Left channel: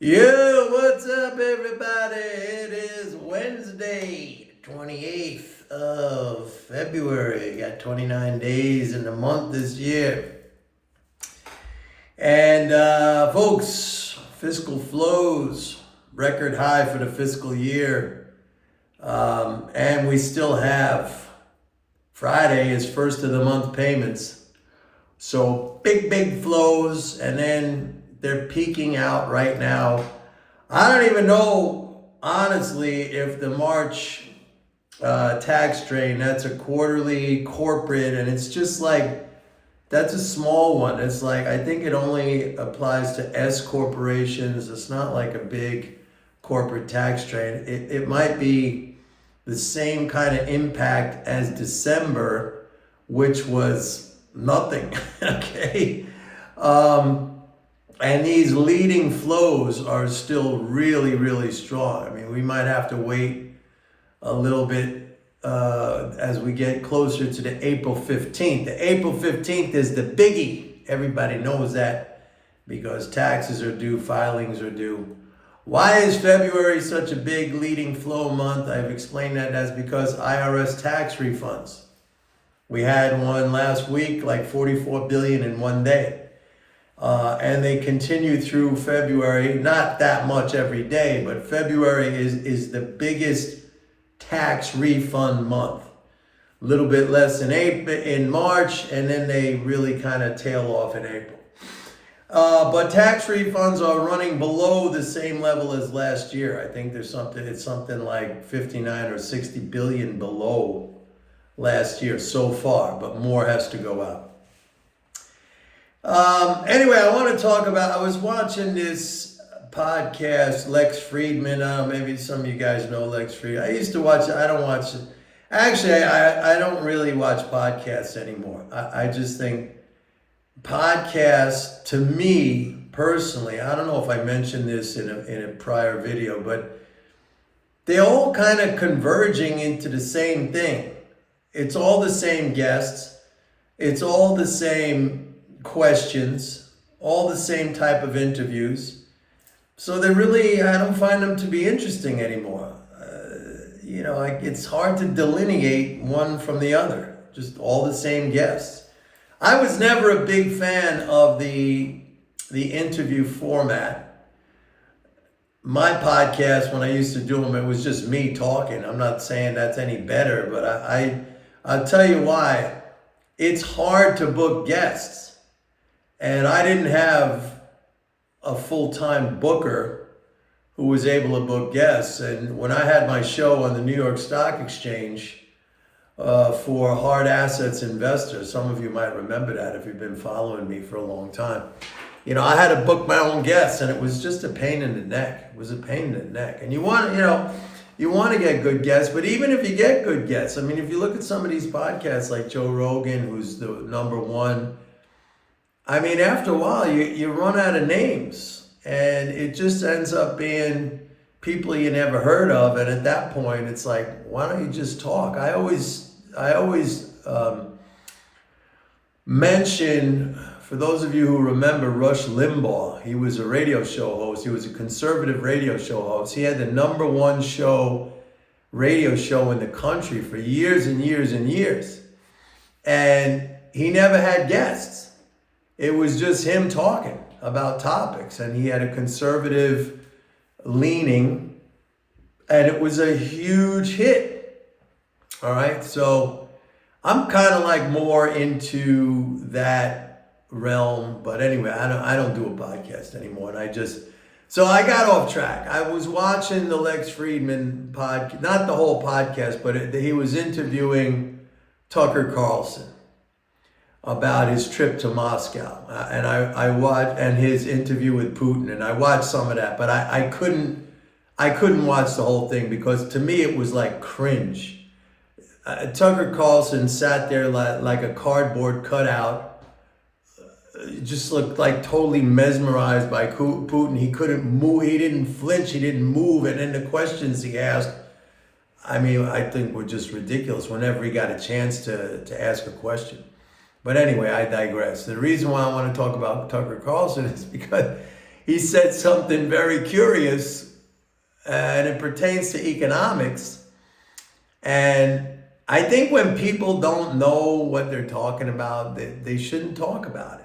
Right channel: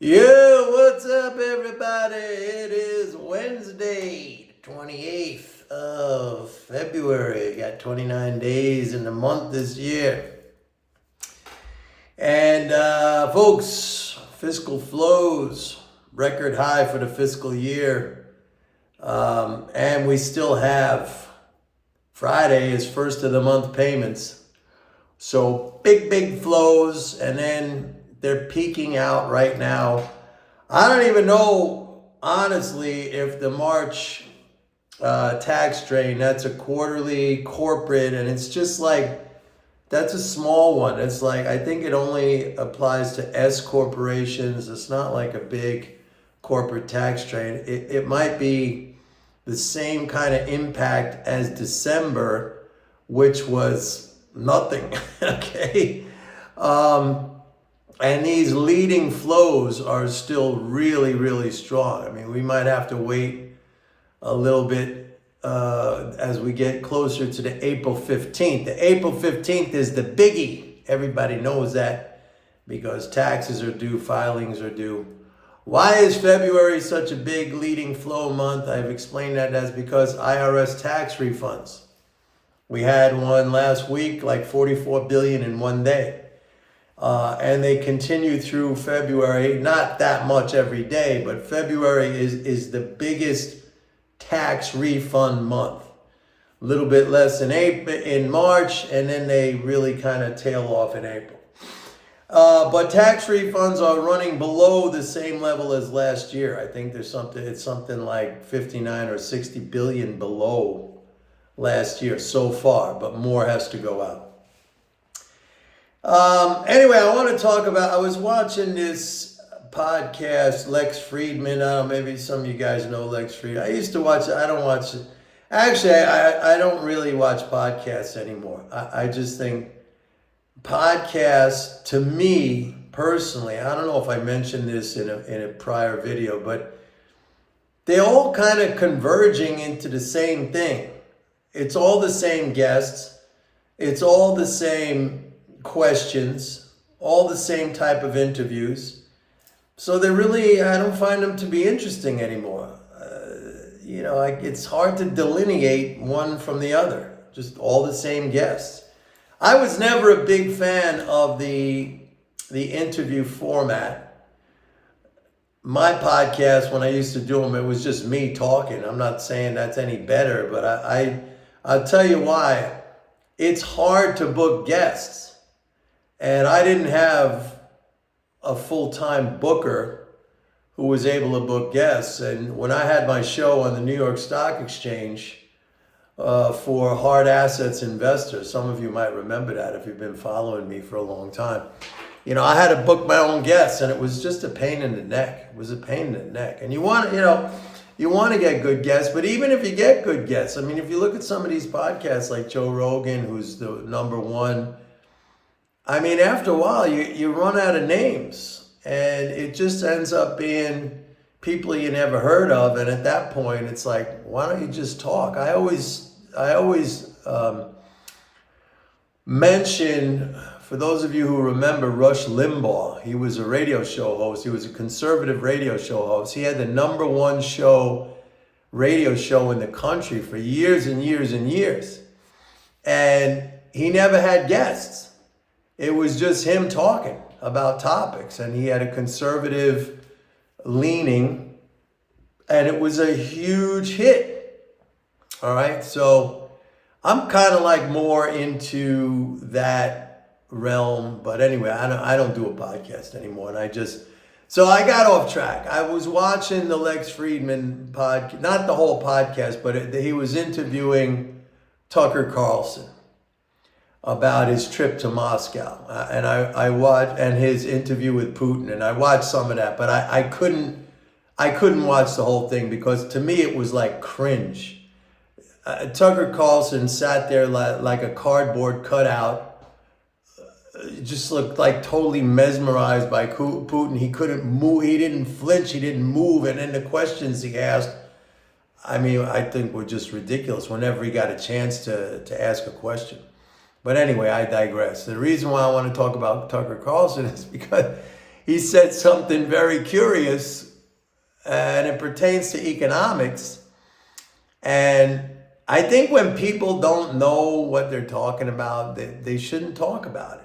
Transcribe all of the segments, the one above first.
Yo, what's up, everybody? It is Wednesday, 28th of February. Got 29 days in the month this year. And, folks, fiscal flows, record high for the fiscal year. And we still have Friday is first of the month payments. So big flows, and then they're peaking out right now. I don't even know, honestly, if the March tax drain, that's a quarterly corporate, and it's just like, that's a small one. It's like, I think it only applies to S corporations. It's not like a big corporate tax drain. It might be the same kind of impact as December, which was nothing, okay? And these leading flows are still really strong. I mean, we might have to wait a little bit as we get closer to the April 15th. The April 15th is the biggie. Everybody knows that because taxes are due, filings are due. Why is February such a big leading flow month? I've explained that as because IRS tax refunds. We had one last week, like 44 billion in one day. And they continue through February, not that much every day, but February is the biggest tax refund month. A little bit less in March, and then they really kind of tail off in April. But tax refunds are running below the same level as last year. I think it's something like 59 or 60 billion below last year so far, but more has to go out. Anyway, I want to talk about, I was watching this podcast, Lex Friedman. Maybe some of you guys know Lex Friedman. I used to watch it. I don't watch it. Actually, I don't really watch podcasts anymore. I just think podcasts, to me personally, I don't know if I mentioned this in a prior video, but they're all kind of converging into the same thing. It's all the same guests. It's all the same questions, all the same type of interviews. So they're really, I don't find them to be interesting anymore. It's hard to delineate one from the other, just all the same guests. I was never a big fan of the interview format. My podcast, when I used to do them, it was just me talking. I'm not saying that's any better, but I'll tell you why. It's hard to book guests. And I didn't have a full-time booker who was able to book guests. And when I had my show on the New York Stock Exchange for hard assets investors, some of you might remember that if you've been following me for a long time. I had to book my own guests, and it was just a pain in the neck. It was a pain in the neck. And you want to get good guests, but even if you get good guests, I mean, if you look at some of these podcasts like Joe Rogan, who's the number one, I mean, after a while, you run out of names, and it just ends up being people you never heard of. And at that point, it's like, why don't you just talk? I always mention, for those of you who remember Rush Limbaugh, he was a radio show host. He was a conservative radio show host. He had the number one radio show in the country for years and years and years. And he never had guests. It was just him talking about topics, and he had a conservative leaning, and it was a huge hit. All right, so I'm kind of like more into that realm, but anyway, I don't do a podcast anymore, and so I got off track. I was watching the Lex Friedman podcast, not the whole podcast, but he was interviewing Tucker Carlson about his trip to Moscow, and I watched, and his interview with Putin, and I watched some of that, but I couldn't watch the whole thing because to me it was like cringe. Tucker Carlson sat there like a cardboard cutout, just looked like totally mesmerized by Putin. He couldn't move, he didn't flinch, he didn't move, and then the questions he asked, I mean, I think were just ridiculous whenever he got a chance to ask a question. But anyway, I digress. The reason why I want to talk about Tucker Carlson is because he said something very curious, and it pertains to economics. And I think when people don't know what they're talking about, they shouldn't talk about it.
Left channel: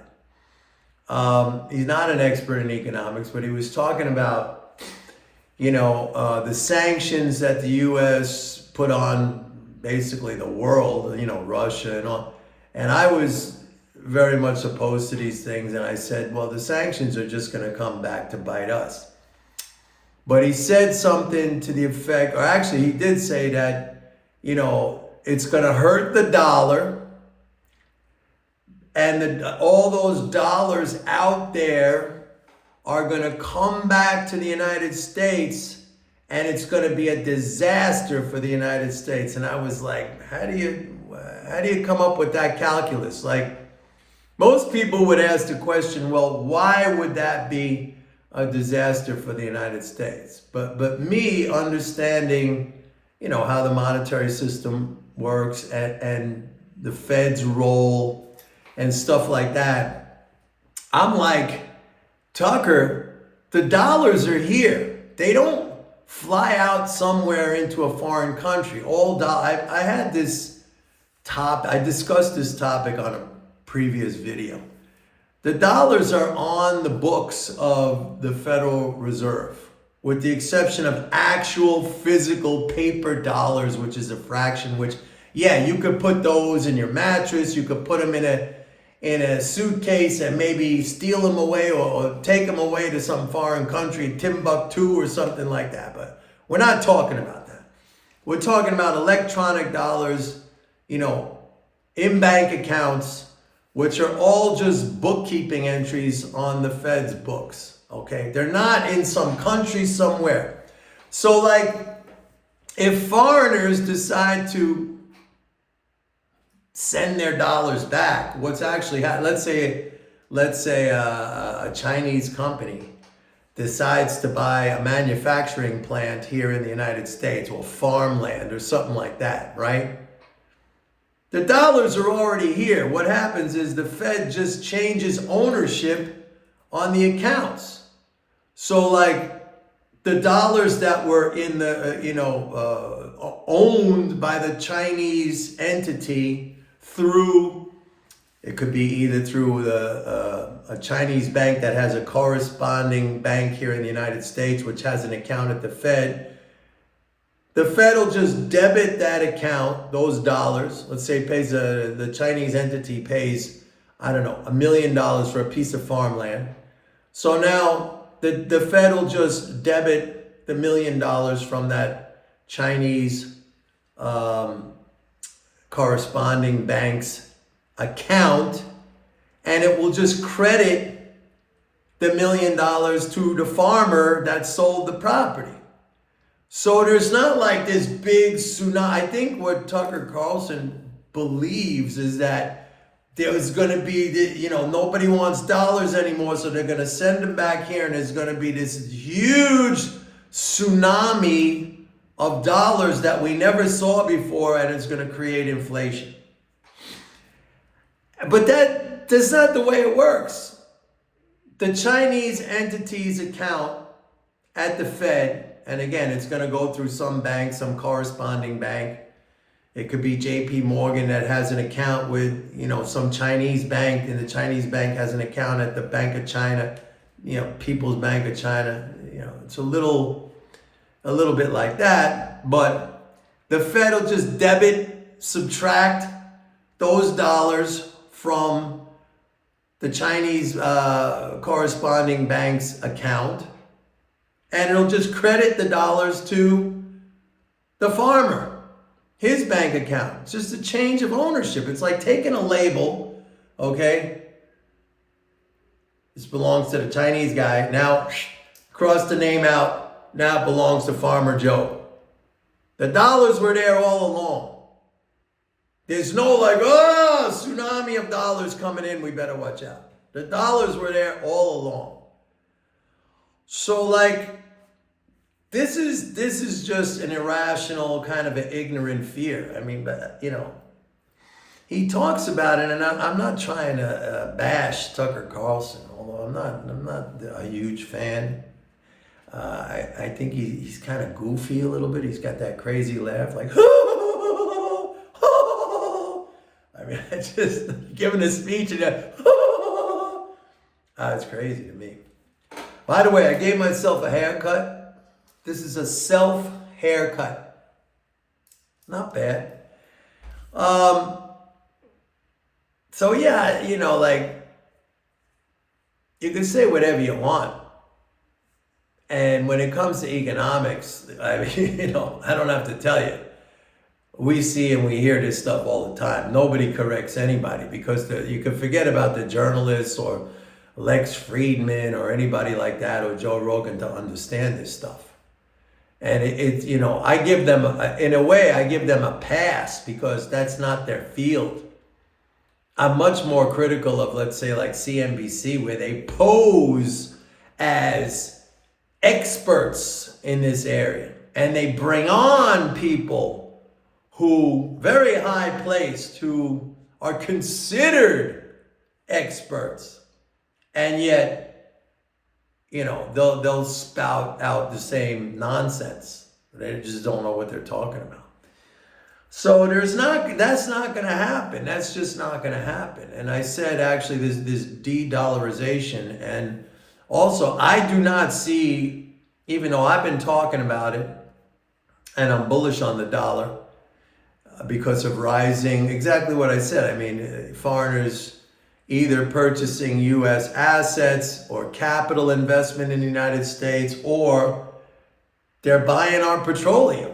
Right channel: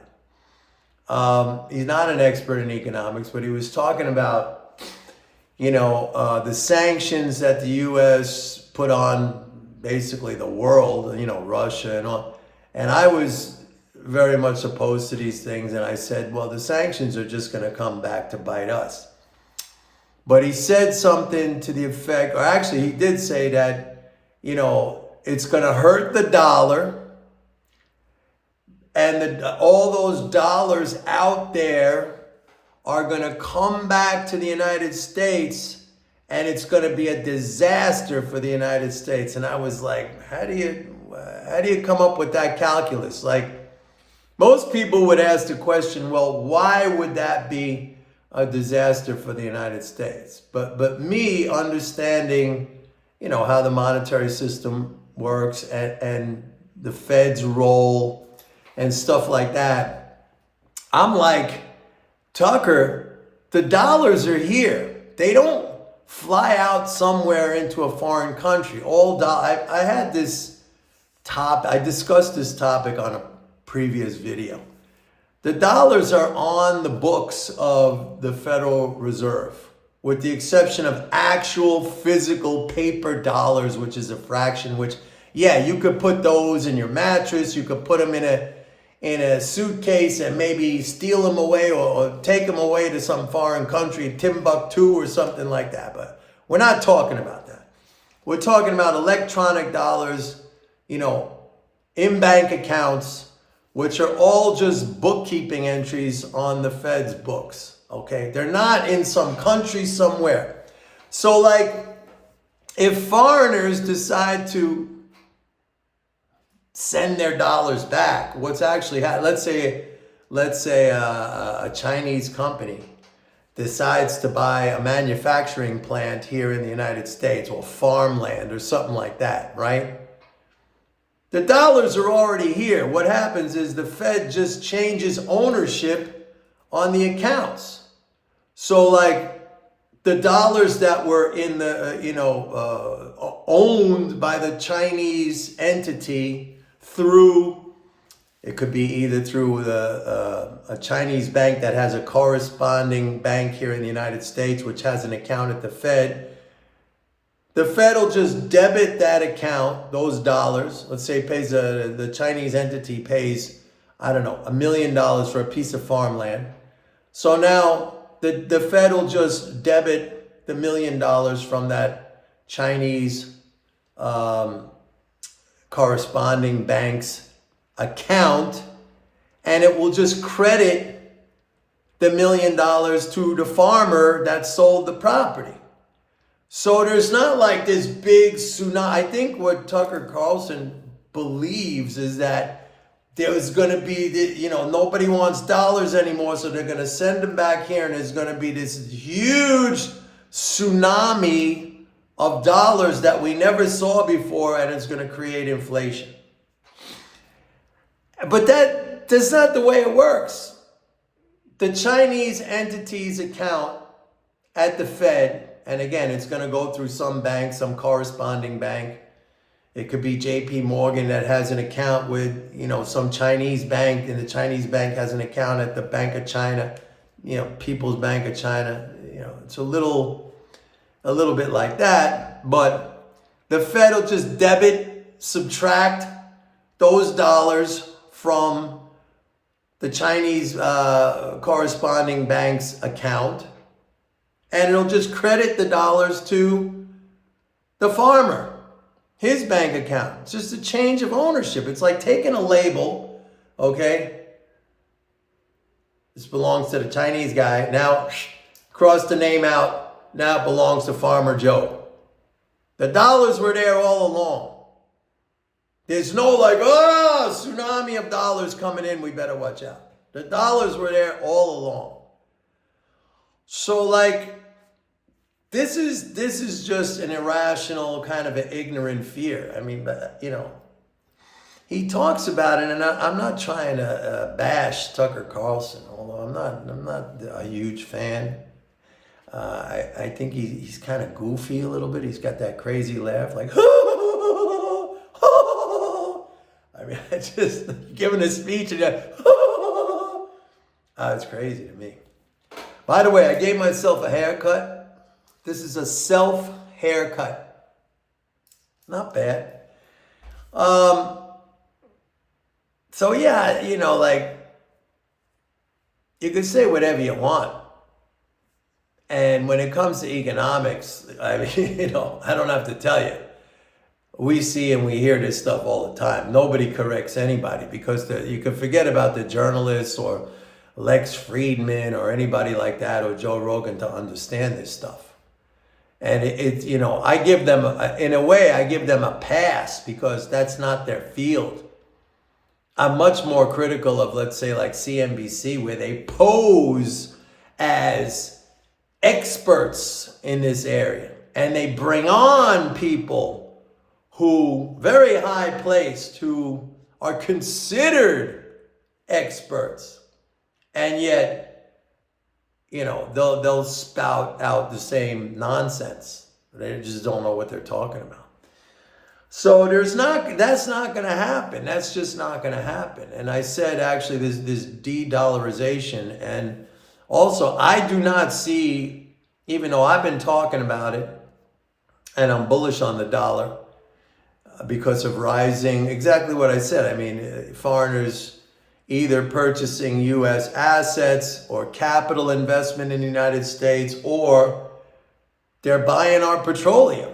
He's not an expert in economics, but he was talking about, the sanctions that the U.S. put on basically the world, Russia and all. And I was very much opposed to these things. And I said, well, the sanctions are just going to come back to bite us. But he said something to the effect, or actually he did say that, it's going to hurt the dollar. And all those dollars out there are going to come back to the United States, and it's going to be a disaster for the United States. And I was like, how do you come up with that calculus? Like, most people would ask the question, well, why would that be a disaster for the United States? But me understanding, how the monetary system works and the Fed's role and stuff like that, I'm like, Tucker, the dollars are here. They don't fly out somewhere into a foreign country. I had this I discussed this topic on a previous video. The dollars are on the books of the Federal Reserve, with the exception of actual physical paper dollars, which is a fraction, which, yeah, you could put those in your mattress, you could put them in a suitcase and maybe steal them away or take them away to some foreign country, Timbuktu or something like that. But we're not talking about that. We're talking about electronic dollars, in bank accounts, which are all just bookkeeping entries on the Fed's books, okay? They're not in some country somewhere. So, like, if foreigners decide to send their dollars back, what's actually let's say a Chinese company decides to buy a manufacturing plant here in the United States, or farmland or something like that, right? The dollars are already here. What happens is the Fed just changes ownership on the accounts. So, like, the dollars that were in the, owned by the Chinese entity through, it could be either through a Chinese bank that has a corresponding bank here in the United States, which has an account at the Fed. The Fed will just debit that account, those dollars. Let's say the Chinese entity pays, I don't know, $1 million for a piece of farmland. So now the Fed will just debit the $1 million from that Chinese corresponding bank's account, and it will just credit the $1 million to the farmer that sold the property. So there's not like this big tsunami. I think what Tucker Carlson believes is that there's going to be, nobody wants dollars anymore, so they're going to send them back here, and there's going to be this huge tsunami of dollars that we never saw before, and it's going to create inflation. But that's not the way it works. The Chinese entity's account at the Fed, and again, it's going to go through some bank, some corresponding bank. It could be JP Morgan that has an account with, some Chinese bank, and the Chinese bank has an account at the Bank of China, People's Bank of China. It's a little bit like that, but the Fed will just subtract those dollars from the Chinese corresponding bank's account, and it'll just credit the dollars to the farmer, his bank account. It's just a change of ownership. It's like taking a label, okay? This belongs to the Chinese guy. Now, cross the name out. Now it belongs to Farmer Joe. The dollars were there all along. There's no tsunami of dollars coming in, we better watch out. The dollars were there all along. So, this is just an irrational kind of an ignorant fear. I mean, he talks about it, and I'm not trying to bash Tucker Carlson, although I'm not a huge fan. I think he's kind of goofy a little bit. He's got that crazy laugh, like, I mean, I just giving a speech and that, it's crazy to me. By the way, I gave myself a haircut. This is a self haircut. Not bad. So yeah, like, you can say whatever you want. And when it comes to economics, I mean, I don't have to tell you. We see and we hear this stuff all the time. Nobody corrects anybody because you can forget about the journalists or Lex Friedman or anybody like that or Joe Rogan to understand this stuff. And I give them, in a way, I give them a pass because that's not their field. I'm much more critical of, let's say, like CNBC, where they pose as experts in this area. And they bring on people who, very high placed, who are considered experts. And yet, they'll spout out the same nonsense. They just don't know what they're talking about. So that's not going to happen. That's just not going to happen. And I said, actually, this de-dollarization. And also, I do not see, even though I've been talking about it, and I'm bullish on the dollar because of rising, exactly what I said. I mean, foreigners either purchasing U.S. assets or capital investment in the United States, or they're buying our petroleum.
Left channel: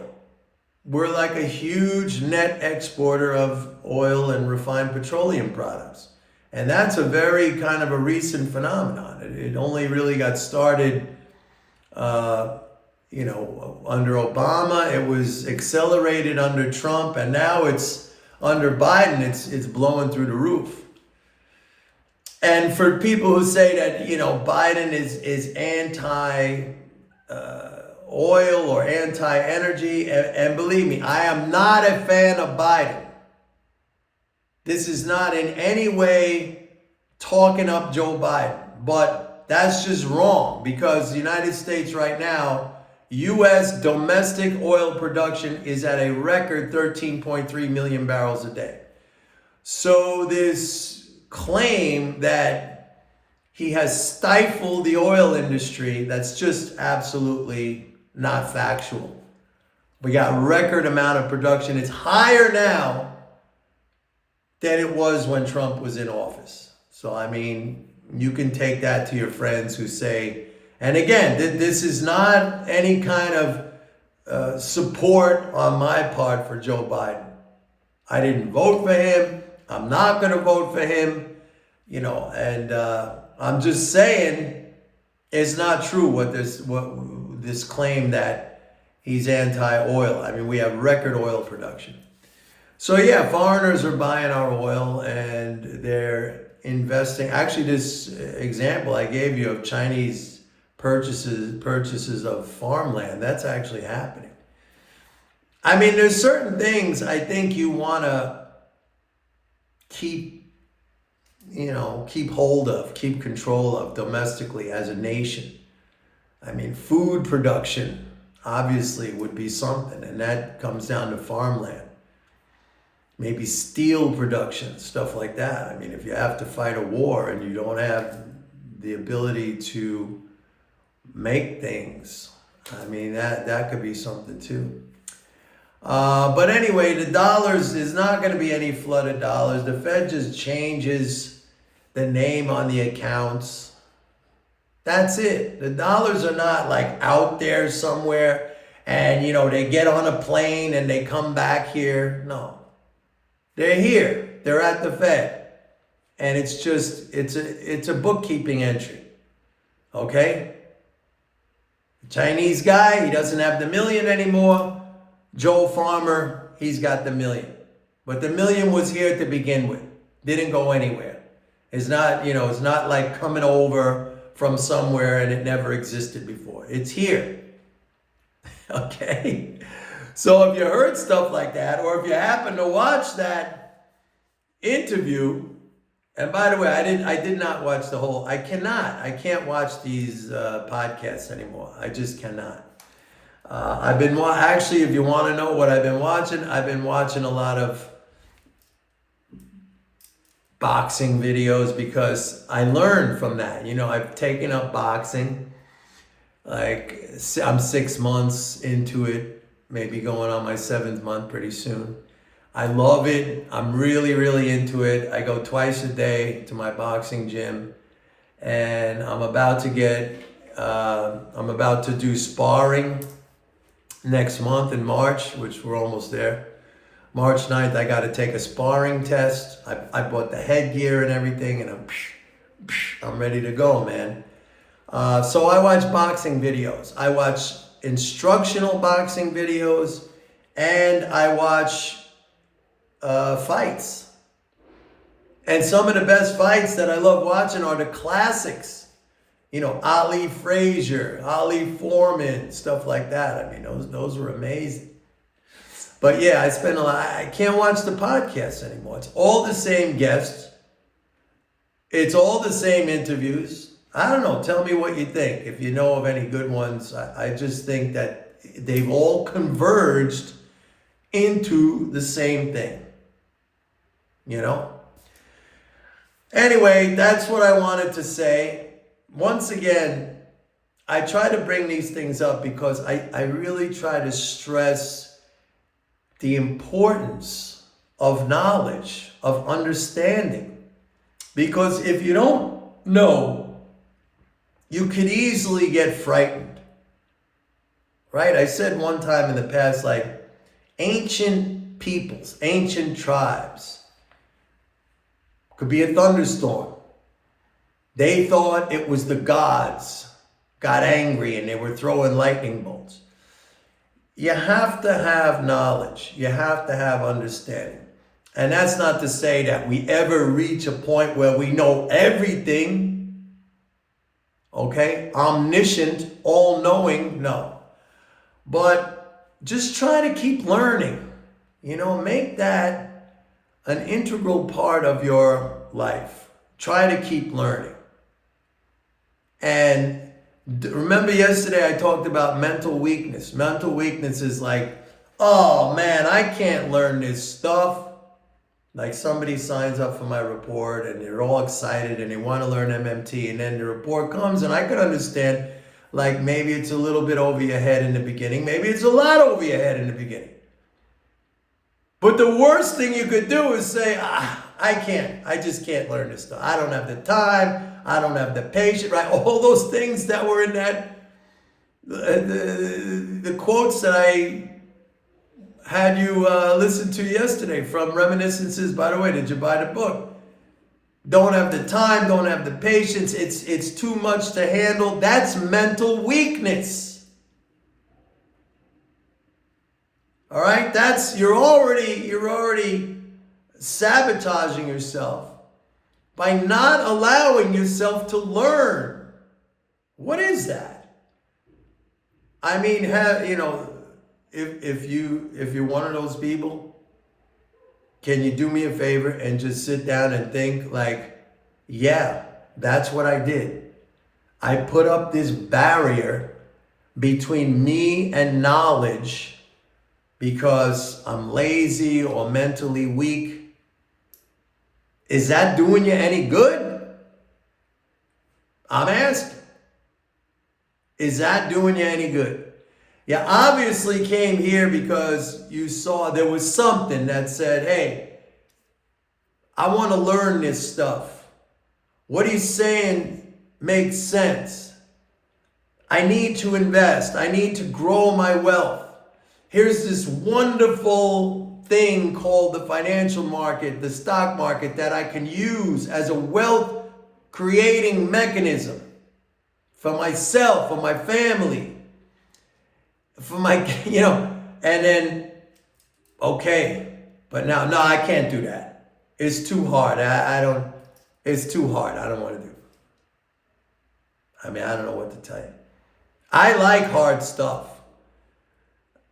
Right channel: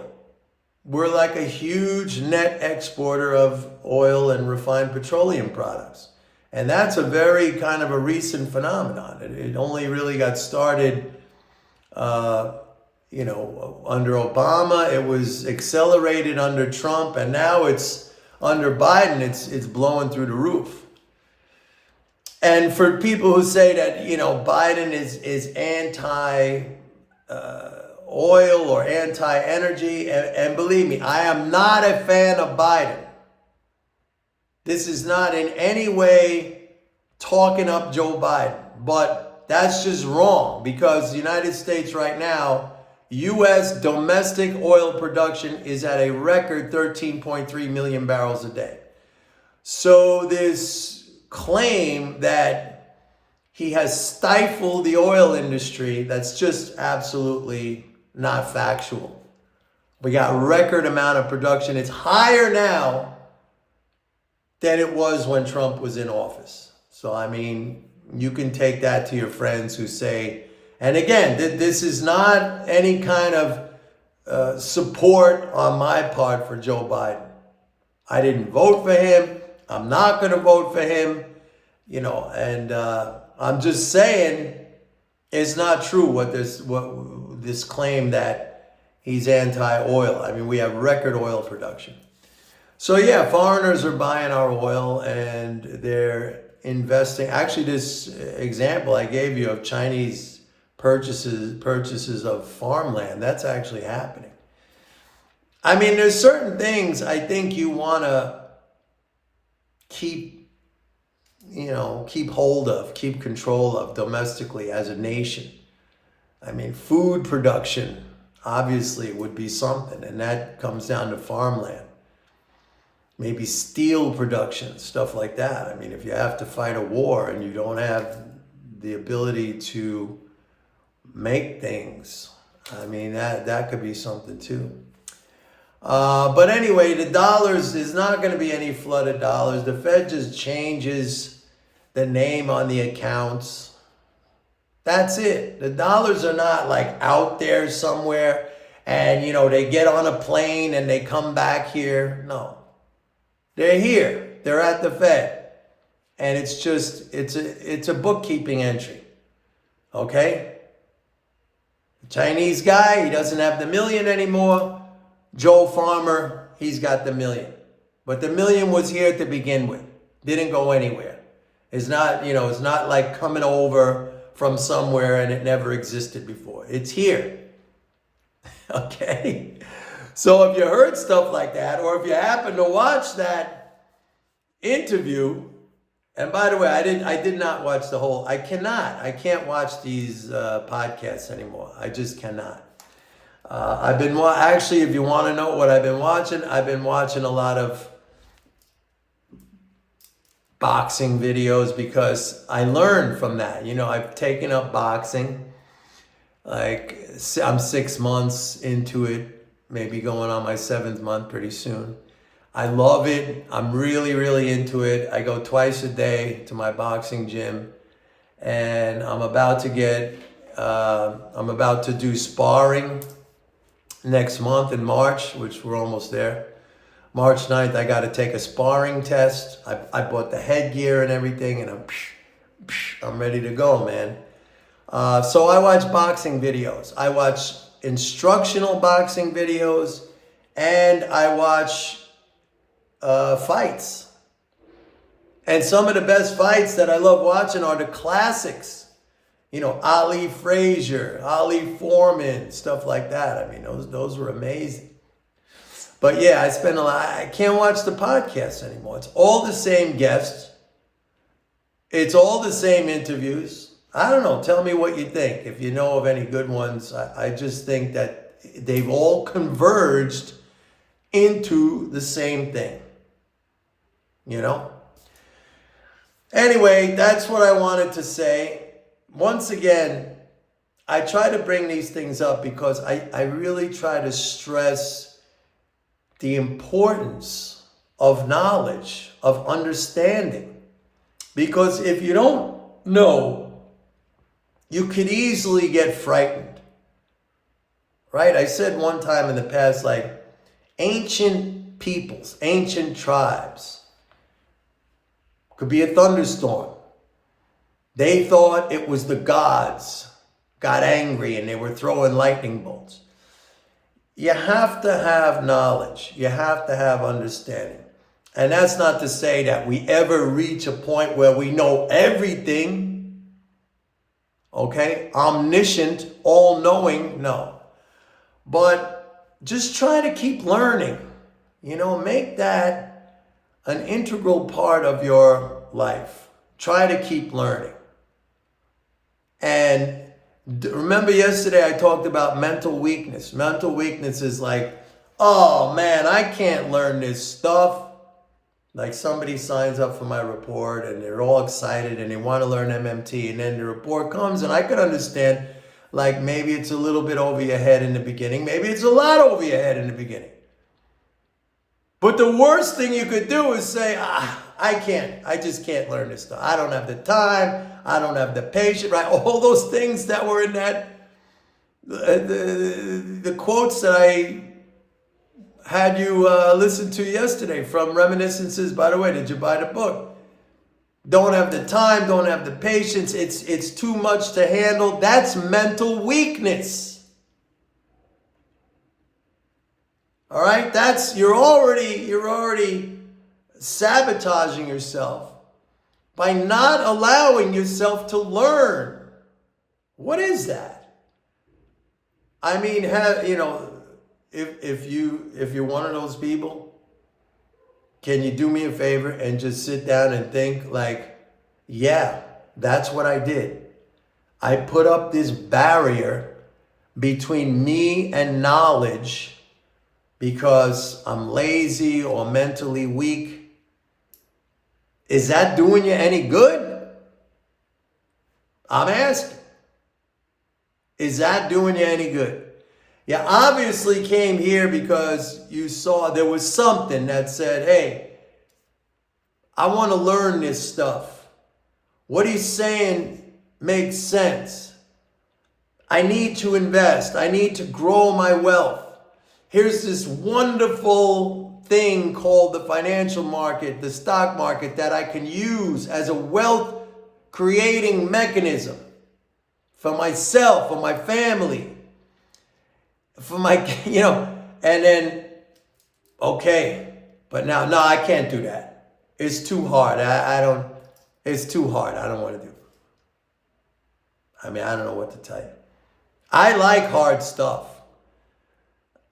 We're like a huge net exporter of oil and refined petroleum products. And that's a very kind of a recent phenomenon. It only really got started, under Obama. It was accelerated under Trump, and now it's under Biden. It's blowing through the roof. And for people who say that, Biden is anti oil or anti-energy, and believe me, I am not a fan of Biden. This is not in any way talking up Joe Biden, but that's just wrong because the United States right now, U.S. domestic oil production is at a record 13.3 million barrels a day. So this claim that he has stifled the oil industry, that's just absolutely not factual. We got record amount of production. It's higher now than it was when Trump was in office. So, I mean, you can take that to your friends who say, and again, this is not any kind of support on my part for Joe Biden. I didn't vote for him. I'm not going to vote for him, and I'm just saying it's not true what this claim that he's anti-oil. I mean, we have record oil production. So yeah, foreigners are buying our oil and they're investing. Actually, this example I gave you of Chinese purchases of farmland, that's actually happening. I mean, there's certain things I think you want to keep hold of, keep control of domestically as a nation. I mean, food production obviously would be something, and that comes down to farmland. Maybe steel production, stuff like that. I mean, if you have to fight a war and you don't have the ability to make things, I mean, that could be something too. But anyway, the dollars, is not going to be any flood of dollars. The Fed just changes the name on the accounts. That's it. The dollars are not like out there somewhere and, they get on a plane and they come back here. No. They're here. They're at the Fed. And it's just, it's a bookkeeping entry. Okay? The Chinese guy, he doesn't have the million anymore. Joe Farmer, he's got the million. But the million was here to begin with. Didn't go anywhere. It's not, it's not like coming over from somewhere and it never existed before. It's here. Okay? So if you heard stuff like that, or if you happen to watch that interview. And by the way, I did not watch the whole. I can't watch these podcasts anymore. I just cannot. Actually, if you want to know what I've been watching a lot of boxing videos because I learned from that. I've taken up boxing. Like, I'm 6 months into it, maybe going on my 7th month pretty soon. I love it. I'm really, really into it. I go twice a day to my boxing gym, and I'm about to do sparring next month in March, which we're almost there. March 9th, I got to take a sparring test. I bought the headgear and everything, and I'm ready to go, man. So I watch boxing videos. I watch instructional boxing videos, and I watch fights. And some of the best fights that I love watching are the classics. Ali Frazier, Ali Foreman, stuff like that. I mean, those were amazing. But yeah, I can't watch the podcast anymore. It's all the same guests. It's all the same interviews. I don't know. Tell me what you think. If you know of any good ones, I just think that they've all converged into the same thing. Anyway, that's what I wanted to say. Once again, I try to bring these things up because I really try to stress the importance of knowledge, of understanding. Because if you don't know, you could easily get frightened. Right? I said one time in the past, like, ancient peoples, ancient tribes, could be a thunderstorm. They thought it was the gods got angry and they were throwing lightning bolts. You have to have knowledge. You have to have understanding. And that's not to say that we ever reach a point where we know everything. Okay? Omniscient, all-knowing, no. But just try to keep learning. Make that an integral part of your life. Try to keep learning. And remember yesterday I talked about mental weakness. Mental weakness is like, oh man, I can't learn this stuff. Like somebody signs up for my report and they're all excited and they want to learn MMT, and then the report comes and I can understand, like, maybe it's a little bit over your head in the beginning. Maybe it's a lot over your head in the beginning. But the worst thing you could do is say, I just can't learn this stuff. I don't have the time. I don't have the patience, right? All those things that were in that, the quotes that I had you listen to yesterday from Reminiscences. By the way, did you buy the book? Don't have the time, don't have the patience. It's too much to handle. That's mental weakness. All right? You're already sabotaging yourself by not allowing yourself to learn. What is that? I mean, if you're one of those people, can you do me a favor and just sit down and think like, yeah, that's what I did. I put up this barrier between me and knowledge because I'm lazy or mentally weak. Is that doing you any good? I'm asking. Is that doing you any good? You obviously came here because you saw there was something that said, hey, I want to learn this stuff. What he's saying makes sense. I need to invest. I need to grow my wealth. Here's this wonderful thing called the financial market, the stock market, that I can use as a wealth creating mechanism for myself, for my family, for my, and then, okay, but now, no, I can't do that. It's too hard. It's too hard. I don't want to do it. I mean, I don't know what to tell you. I like hard stuff.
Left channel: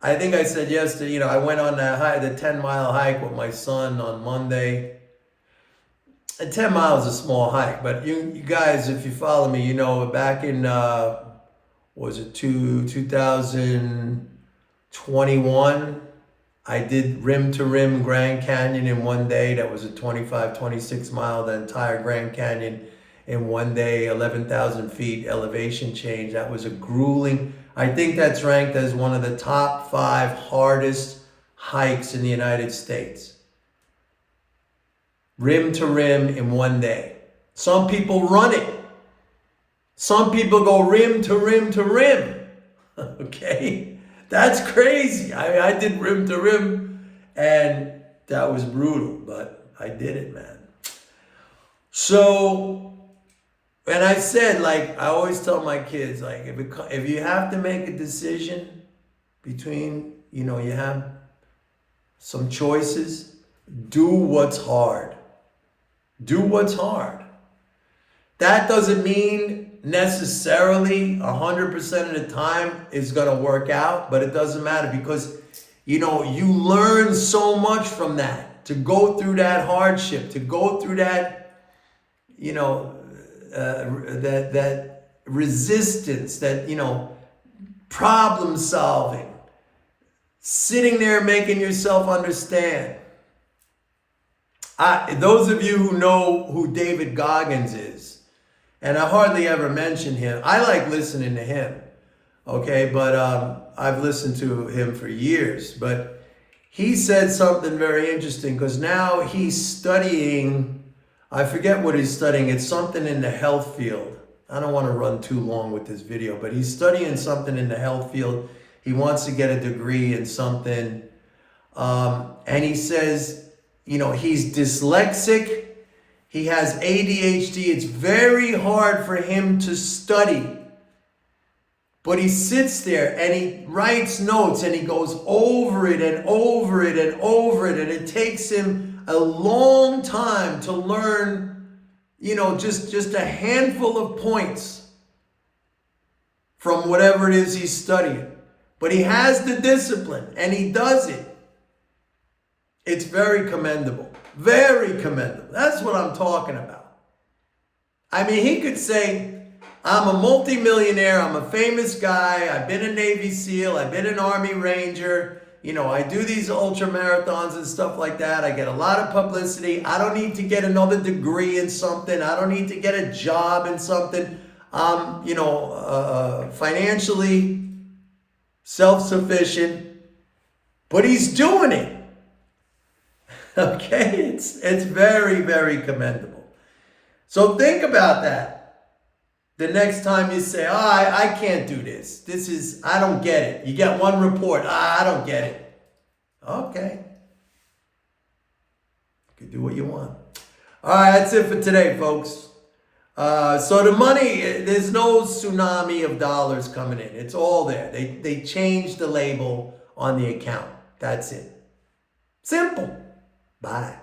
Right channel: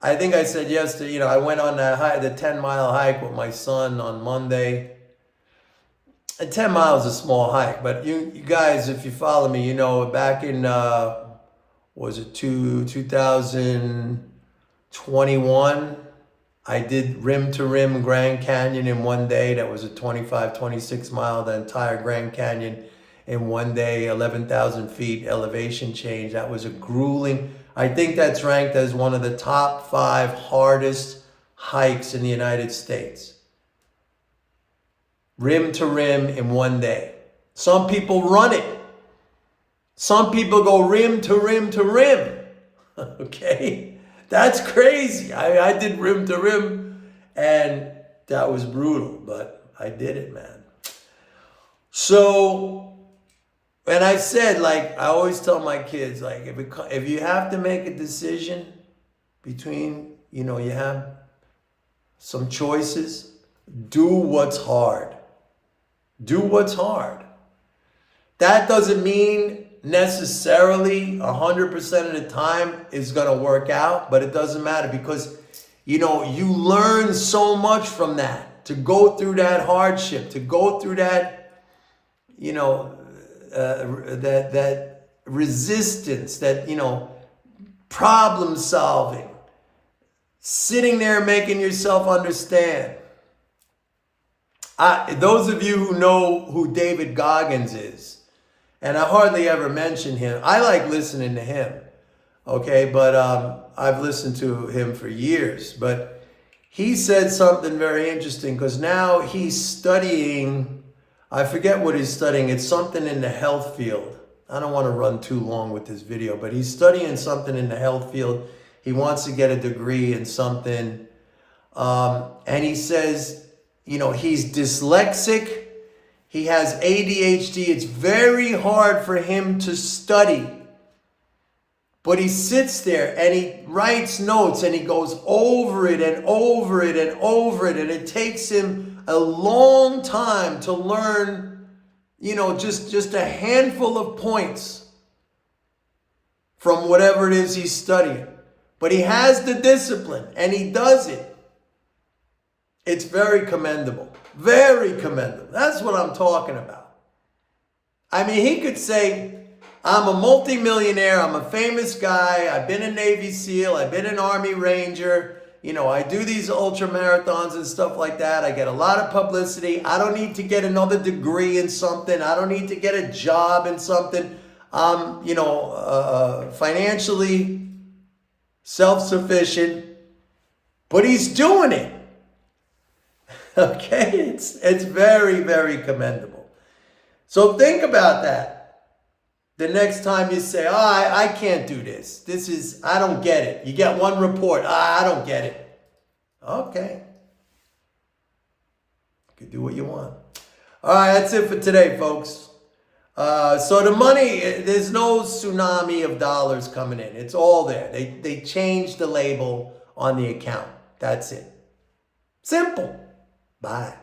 I think I said yesterday, I went on the 10-mile hike with my son on Monday. 10 miles is a small hike, but you guys, if you follow me, you know, back in, was it 2021, I did rim to rim Grand Canyon in one day. That was a 25, 26 mile, the entire Grand Canyon in one day, 11,000 feet elevation change. That was a grueling, I think that's ranked as one of the top 5 hardest hikes in the United States. Rim to rim in one day. Some people run it. Some people go rim to rim to rim. Okay? That's crazy. I did rim to rim, and that was brutal, but I did it, man. So, and I said, like, I always tell my kids, like, if you have to make a decision between, you know, you have some choices, do what's hard. Do what's hard. That doesn't mean necessarily 100% of the time is going to work out, but it doesn't matter because, you know, you learn so much from that. To go through that hardship, to go through that, you know, that resistance, that, you know, problem solving, sitting there making yourself understand. Those of you who know who David Goggins is, and I hardly ever mention him. I like listening to him, okay? But I've listened to him for years. But he said something very interesting because now he's studying, I forget what he's studying. It's something in the health field. I don't want to run too long with this video, but he's studying something in the health field. He wants to get a degree in something. And he says, you know, he's dyslexic. He has ADHD. It's very hard for him to study. But he sits there and he writes notes and he goes over it and over it and over it. And it takes him a long time to learn, you know, just a handful of points from whatever it is he's studying. But he has the discipline and he does it. It's very commendable. Very commendable. That's what I'm talking about. I mean, he could say, I'm a multimillionaire. I'm a famous guy. I've been a Navy SEAL. I've been an Army Ranger. You know, I do these ultra marathons and stuff like that. I get a lot of publicity. I don't need to get another degree in something. I don't need to get a job in something. I'm, you know, financially self-sufficient. But he's doing it. Okay, it's very, very commendable. So think about that. The next time you say, oh, I can't do this. This is, I don't get it. You get one report, I don't get it. Okay. You can do what you want. All right, that's it for today, folks. So the money, there's no tsunami of dollars coming in. It's all there. They changed the label on the account. That's it. Simple. Bye.